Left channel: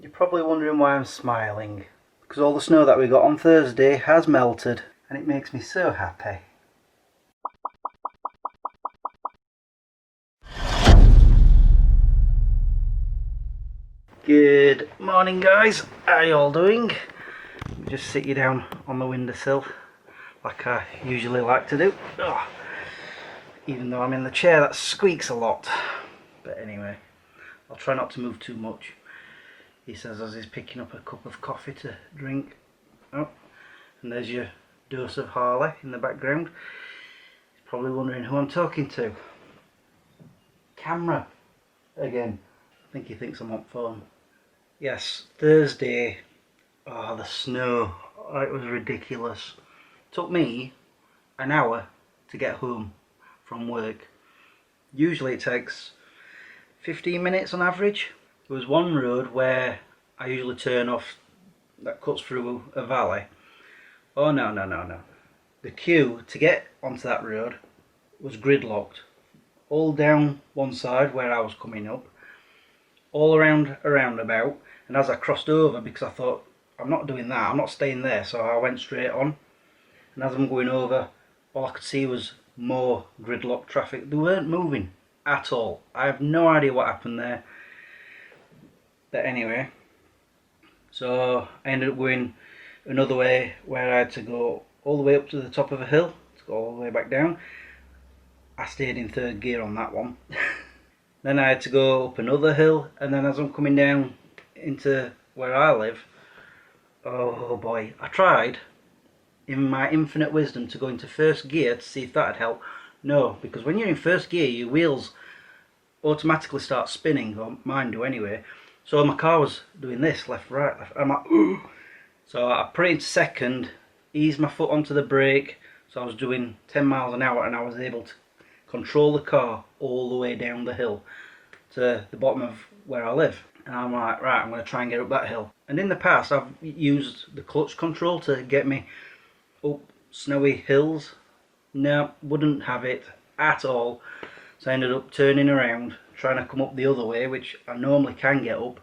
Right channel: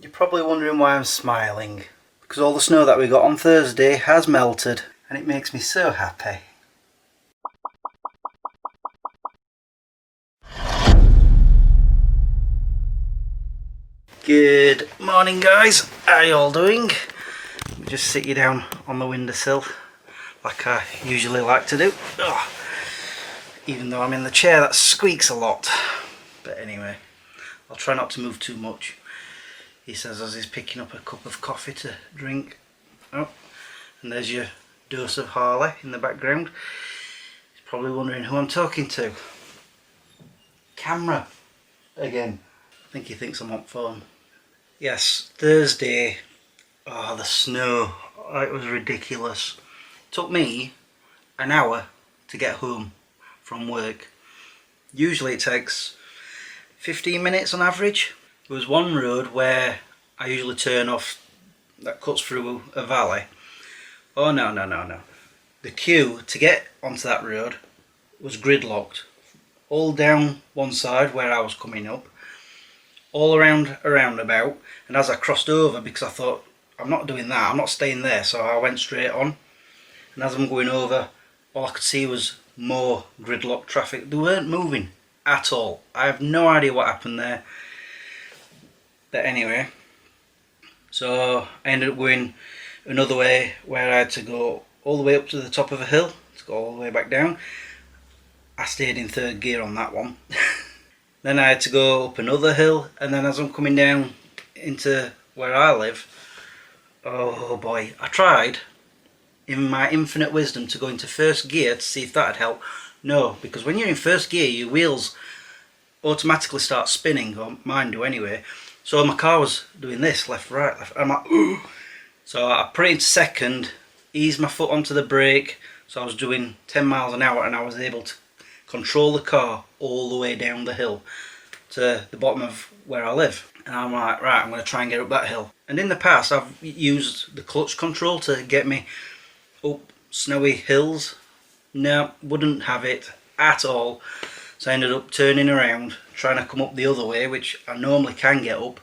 You're probably wondering why I'm smiling, because all the snow that we got on Thursday has melted and it makes me so happy. Good morning guys, how are you all doing? Let me just sit you down on the windowsill like I usually like to do. Even though I'm in the chair that squeaks a lot. But anyway, I'll try not to move too much. He says as he's picking up a cup of coffee to drink. Oh, and there's your dose of Harley in the background. He's probably wondering who I'm talking to. Camera again. I think he thinks I'm on phone. Yes, Thursday. Oh, the snow. Oh, it was ridiculous. It took me an hour to get home from work. Usually it takes 15 minutes on average. There was one road where I usually turn off that cuts through a valley. Oh no. The queue to get onto that road was gridlocked. All down one side where I was coming up, all around a roundabout, and as I crossed over, because I thought, I'm not doing that, I'm not staying there, so I went straight on. And as I'm going over, all I could see was more gridlocked traffic. They weren't moving at all. I have no idea what happened there. But anyway, so I ended up going another way where I had to go all the way up to the top of a hill to go all the way back down. I stayed in third gear on that one. Then I had to go up another hill, and then as I'm coming down into where I live, oh boy, I tried in my infinite wisdom to go into first gear to see if that would help. No, because when you're in first gear, your wheels automatically start spinning, or mine do anyway. So my car was doing this, left, right, left. I'm like, ooh. So I put it into second, eased my foot onto the brake, so I was doing 10 miles an hour, and I was able to control the car all the way down the hill to the bottom of where I live. And I'm like, right, I'm going to try and get up that hill. And in the past, I've used the clutch control to get me up snowy hills. No, wouldn't have it at all. So I ended up turning around, trying to come up the other way, which I normally can get up.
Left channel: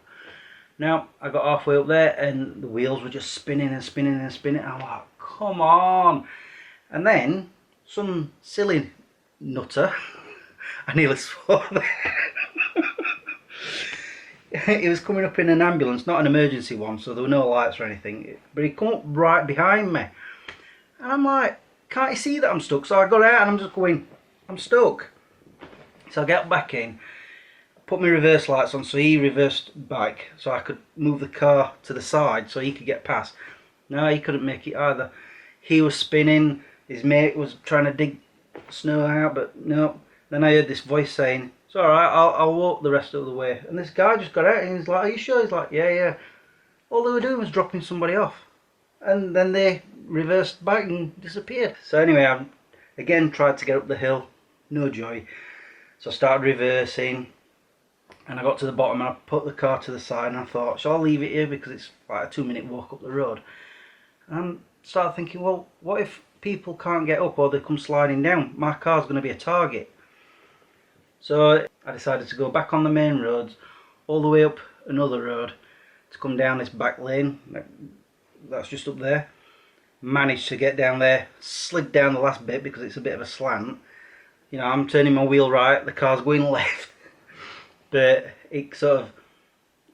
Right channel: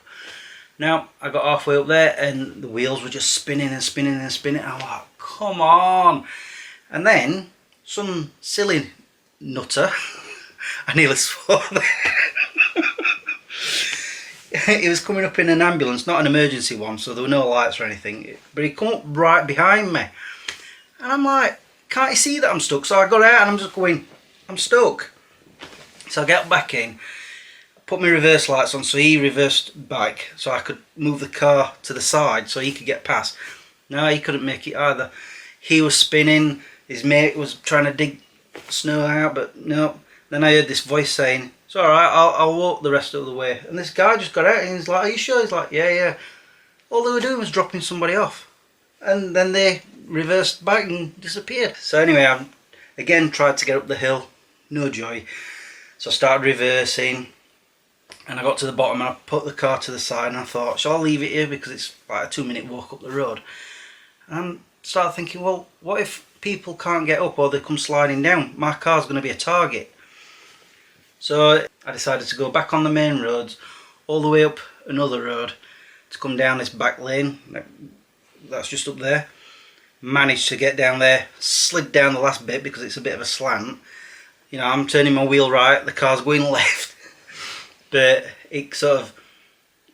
Now, I got halfway up there and the wheels were just spinning and spinning and spinning. I'm like, come on. And then some silly nutter, I nearly swore there. He was coming up in an ambulance, not an emergency one, so there were no lights or anything. But he come up right behind me. And I'm like, can't you see that I'm stuck? So I got out and I'm just going, I'm stuck. So I get back in, put my reverse lights on, so he reversed back so I could move the car to the side so he could get past. No, he couldn't make it either. He was spinning, his mate was trying to dig snow out, but no. Then I heard this voice saying, it's alright, I'll walk the rest of the way. And this guy just got out and he's like, are you sure? He's like, yeah. All they were doing was dropping somebody off. And then they reversed back and disappeared. So anyway, I again tried to get up the hill, no joy. So I started reversing, and I got to the bottom and I put the car to the side and I thought, shall I leave it here because it's like a 2-minute walk up the road? And I started thinking, well, what if people can't get up or they come sliding down? My car's going to be a target. So I decided to go back on the main roads, all the way up another road to come down this back lane that's just up there. Managed to get down there, slid down the last bit because it's a bit of a slant. You know, I'm turning my wheel right, the car's going left. But it sort of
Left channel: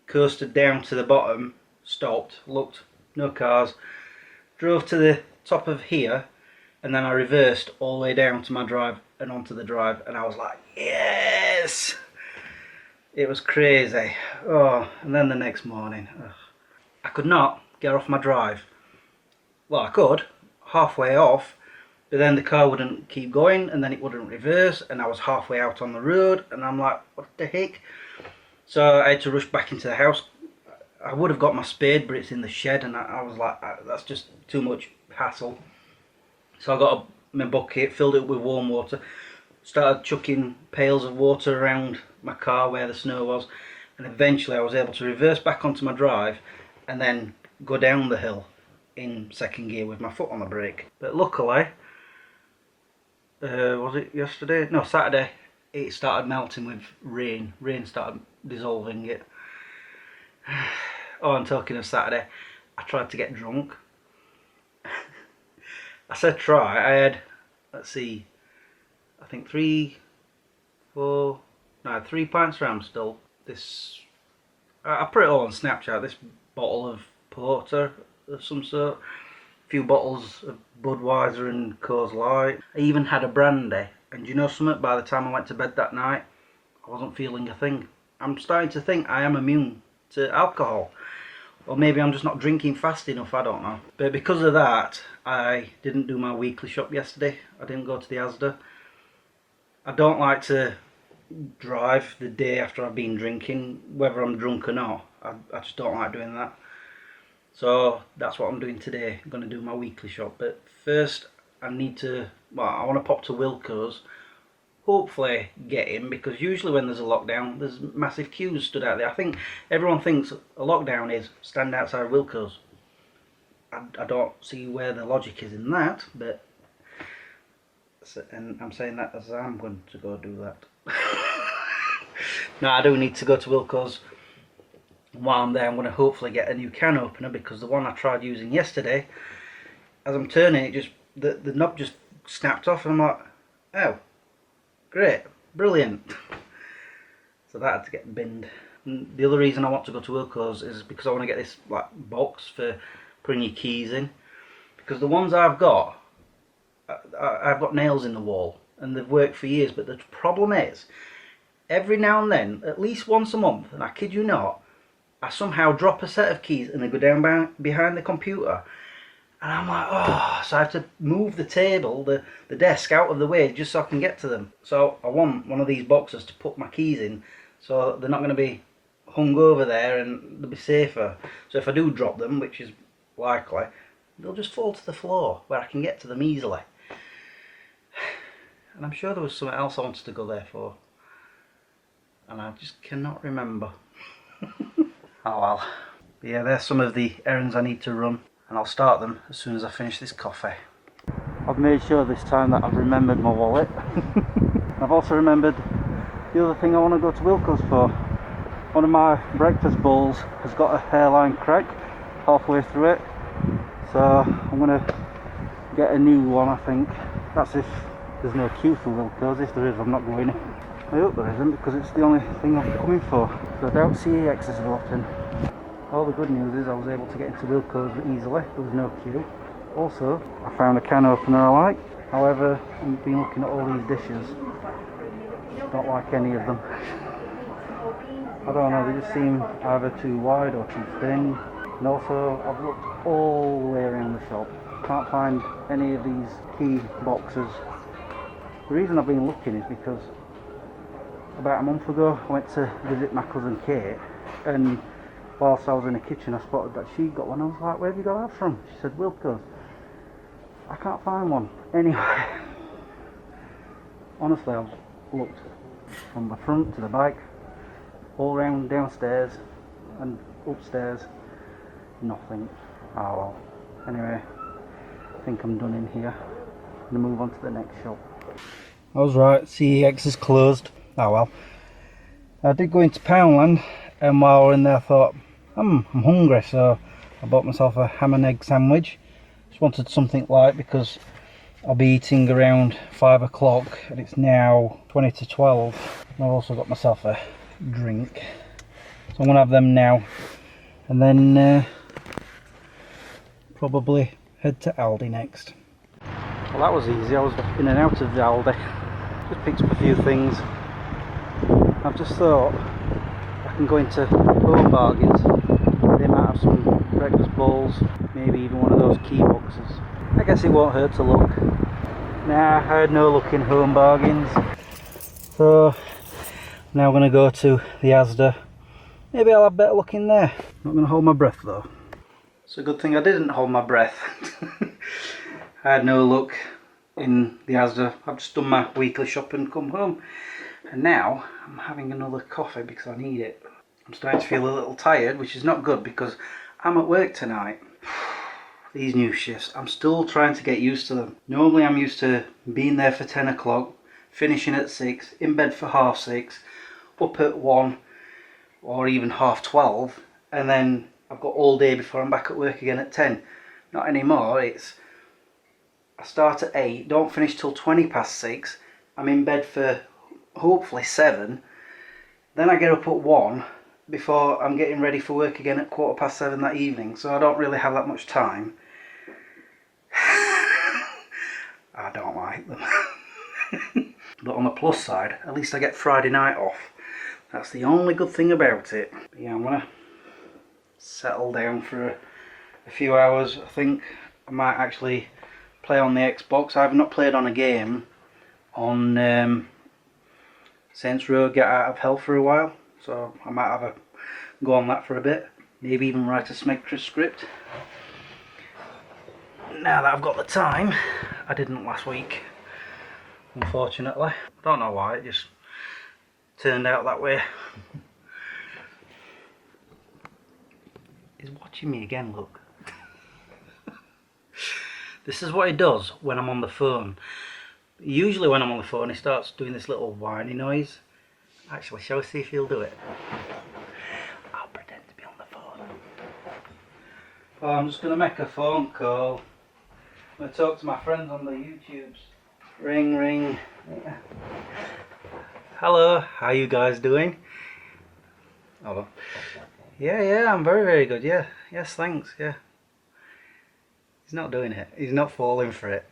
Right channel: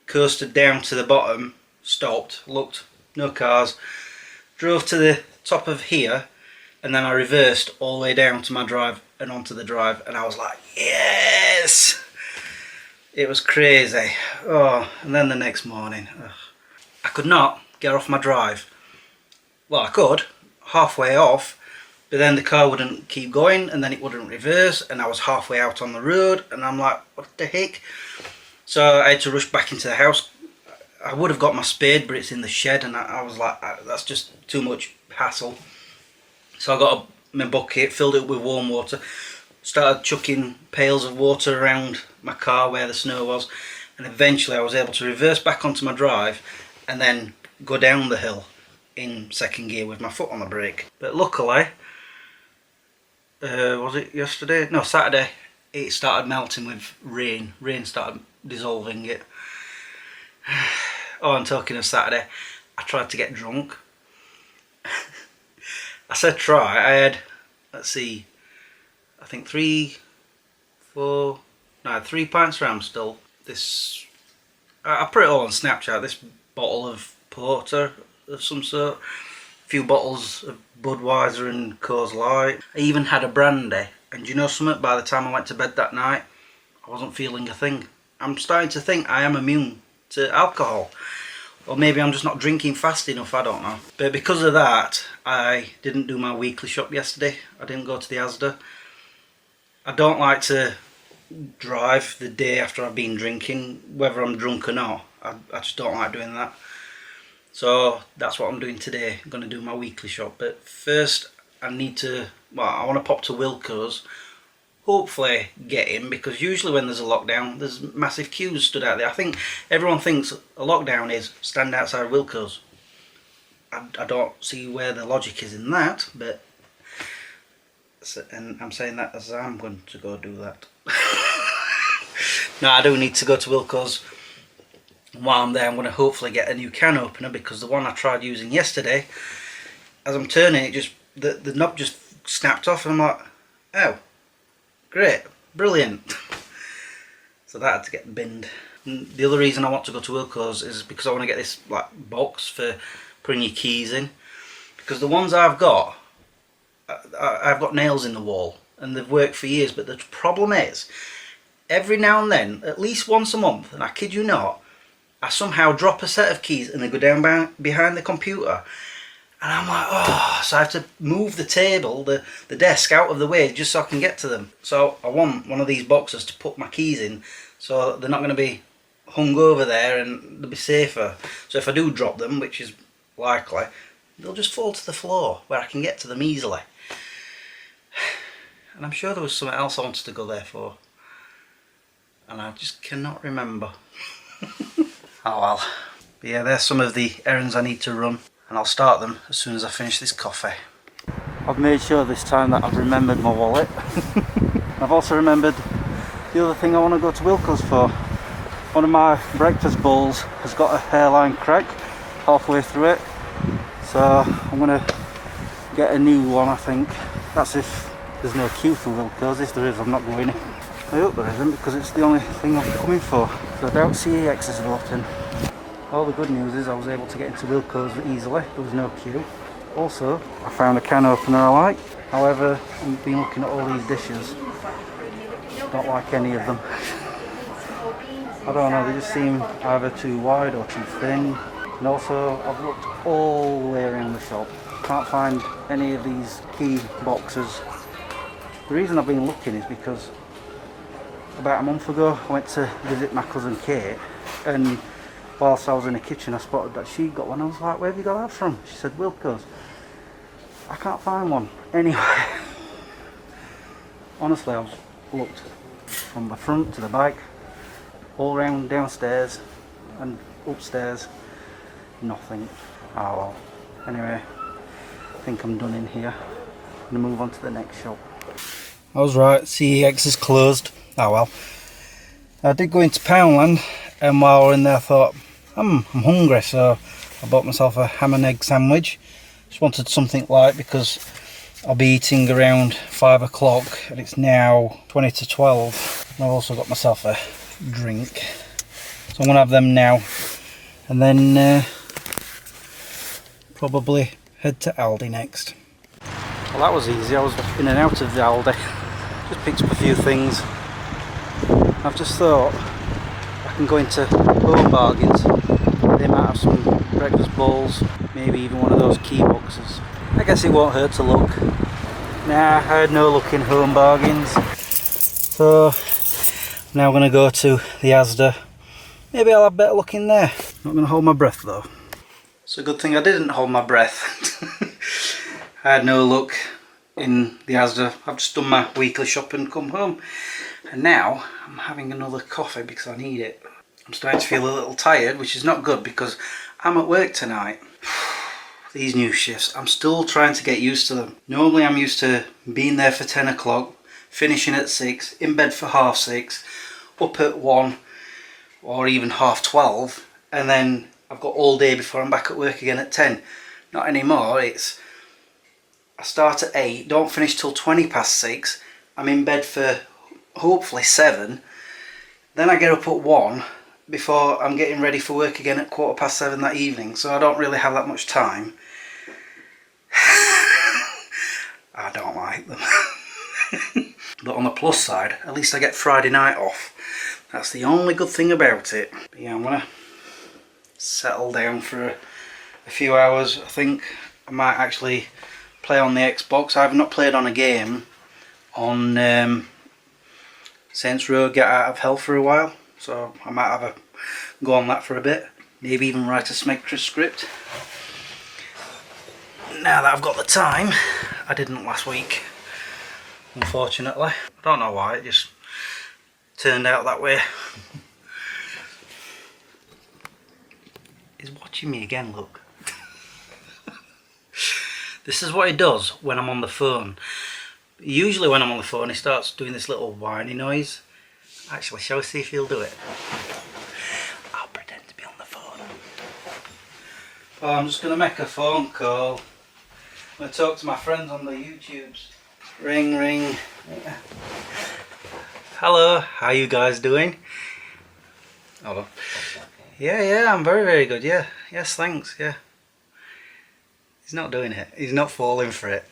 coasted down to the bottom, stopped, looked, no cars, drove to the top of here, and then I reversed all the way down to my drive and onto the drive, and I was like, yes! It was crazy. Oh, and then the next morning, I could not get off my drive. Well, I could, halfway off, but then the car wouldn't keep going and then it wouldn't reverse, and I was halfway out on the road and I'm like, what the heck? So I had to rush back into the house. I would have got my spade, but it's in the shed, and I was like, that's just too much hassle. So I got my bucket, filled it up with warm water, started chucking pails of water around my car where the snow was, and eventually I was able to reverse back onto my drive and then go down the hill in second gear with my foot on the brake. But luckily, was it yesterday? No, Saturday, it started melting with rain. Rain started dissolving it. Oh, and talking of Saturday, I tried to get drunk. I said try. I had, let's see, I think 3 pints of Amstel. This, I put it all on Snapchat. This bottle of porter of some sort. A few bottles of Budweiser and Coors Light. I even had a brandy. And you know something? By the time I went to bed that night, I wasn't feeling a thing. I'm starting to think I am immune to alcohol. Or maybe I'm just not drinking fast enough, I don't know. But because of that, I didn't do my weekly shop yesterday. I didn't go to the Asda. I don't like to drive the day after I've been drinking, whether I'm drunk or not. I just don't like doing that. So that's what I'm doing today. I'm going to do my weekly shop. But first I want to pop to Wilko's. Hopefully get in, because usually when there's a lockdown there's massive queues stood out there. I think everyone thinks a lockdown is stand outside Wilko's. I don't see where the logic is in that, but and I'm saying that as I'm going to go do that. No, I do need to go to Wilko's. While I'm there, I'm going to hopefully get a new can opener, because the one I tried using yesterday, as I'm turning it, just the knob just snapped off, and I'm like, oh, great, brilliant. So that had to get binned. And the other reason I want to go to Wilko's is because I want to get this like box for putting your keys in, because the ones I've got nails in the wall and they've worked for years, but the problem is every now and then, at least once a month, and I kid you not, I somehow drop a set of keys and they go down behind the computer. And I'm like, oh, so I have to move the table, the desk out of the way just so I can get to them. So I want one of these boxes to put my keys in, so they're not going to be hung over there and they'll be safer. So if I do drop them, which is likely, they'll just fall to the floor where I can get to them easily. And I'm sure there was something else I wanted to go there for, and I just cannot remember. Oh well. But yeah, there's some of the errands I need to run, and I'll start them as soon as I finish this coffee. I've made sure this time that I've remembered my wallet. I've also remembered the other thing I want to go to Wilko's for. One of my breakfast bowls has got a hairline crack halfway through it, so I'm going to get a new one, I think. That's if there's no queue for Wilko's. If there is, I'm not going in. I hope there isn't, because it's the only thing I'm coming for. So I doubt CEX is open. All the good news is I was able to get into Wilko's easily. There was no queue. Also, I found a can opener I like. However, I've been looking at all these dishes. Don't like any of them. I don't know, they just seem either too wide or too thin. And also, I've looked all the way around the shop. Can't find any of these key boxes. The reason I've been looking is because about a month ago I went to visit my cousin Kate, and whilst I was in the kitchen I spotted that she got one. I was like, where have you got that from? She said Wilko's. I can't find one anywhere. Honestly, I've looked from the front to the back, all around downstairs and upstairs, nothing. Oh well. Anyway, I think I'm done in here. I'm going to move on to the next shop. I was right, CEX is closed. Oh well. I did go into Poundland, and while we're in there I thought, I'm hungry, so I bought myself a ham and egg sandwich. Just wanted something light because I'll be eating around 5 o'clock and it's now 20 to 12. And I've also got myself a drink. So I'm going to have them now, and then probably head to Aldi next. Well, that was easy. I was in and out of the Aldi. Just picked up a few things. I've just thought I can go into Home Bargains. They might have some breakfast bowls, maybe even one of those key boxes. I guess it won't hurt to look. Nah, I had no luck in Home Bargains. So I'm now going to go to the Asda. Maybe I'll have better luck in there. Not going to hold my breath though. It's a good thing I didn't hold my breath. I had no luck in the Asda. I've just done my weekly shop and come home. And now I'm having another coffee because I need it. I'm starting to feel a little tired, which is not good because I'm at work tonight. These new shifts, I'm still trying to get used to them. Normally I'm used to being there for 10 o'clock, finishing at 6, in bed for 6:30, up at 1 or even 12:30, and then I've got all day before I'm back at work again at 10. Not anymore. It's I start at 8, don't finish till 20 past 6. I'm in bed for hopefully 7. Then I get up at 1 before I'm getting ready for work again at 7:15 that evening. So I don't really have that much time. I don't like them. But on the plus side, at least I get Friday night off. That's the only good thing about it. But yeah, I'm gonna settle down for a few hours. I think I might actually play on the Xbox. I've not played on a game on Saints Row Get Out of Hell for a while, so I might have a go on that for a bit. Maybe even write a Smegtra script. Now that I've got the time. I didn't last week, unfortunately. I don't know why, it just turned out that way. He's watching me again, look. This is what he does when I'm on the phone. Usually when I'm on the phone he starts doing this little whiny noise. Actually, shall we see if he'll do it? I'll pretend to be on the phone. Oh, I'm just going to make a phone call. I'm going to talk to my friends on the YouTubes. Ring, ring. Hello, how you guys doing? Hello. Yeah, I'm very, very good, yeah. Yes, thanks, yeah. He's not doing it. He's not falling for it.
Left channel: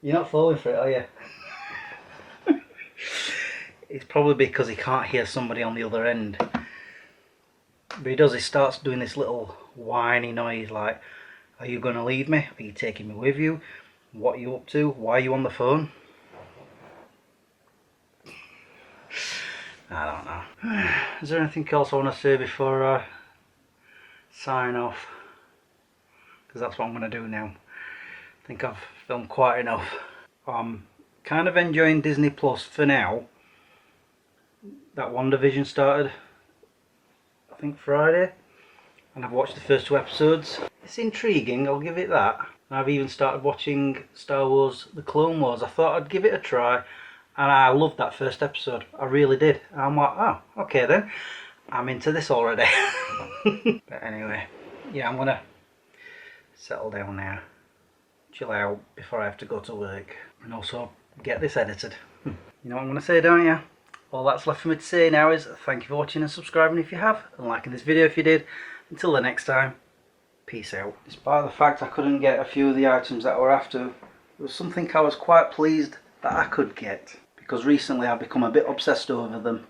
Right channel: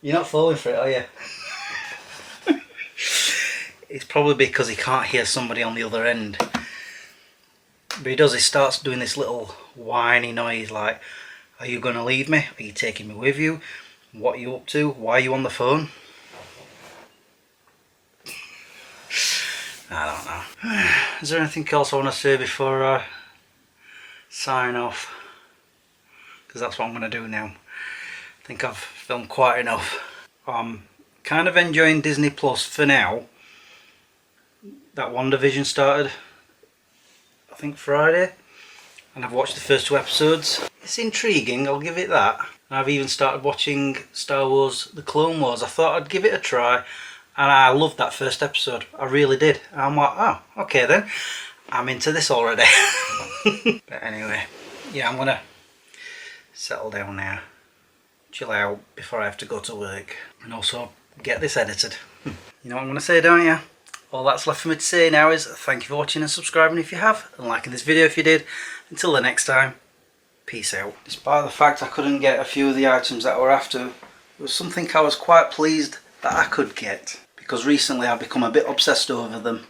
You're not falling for it, are you? It's probably because he can't hear somebody on the other end. But he does, he starts doing this little whiny noise like, are you going to leave me? Are you taking me with you? What are you up to? Why are you on the phone? I don't know. Is there anything else I want to say before I sign off? Because that's what I'm going to do now. I think I've filmed quite enough. I'm kind of enjoying Disney Plus for now. That WandaVision started, I think Friday, and I've watched the first 2 episodes. It's intriguing, I'll give it that. And I've even started watching Star Wars The Clone Wars. I thought I'd give it a try, and I loved that first episode. I really did. And I'm like, oh, okay then. I'm into this already. But anyway, yeah, I'm gonna settle down now. Chill out before I have to go to work. And also get this edited. You know what I'm gonna say, don't you? All that's left for me to say now is thank you for watching and subscribing if you have, and liking this video if you did. Until the next time, peace out. Despite the fact I couldn't get a few of the items that I were after, it was something I was quite pleased that I could get, because recently I've become a bit obsessed over them.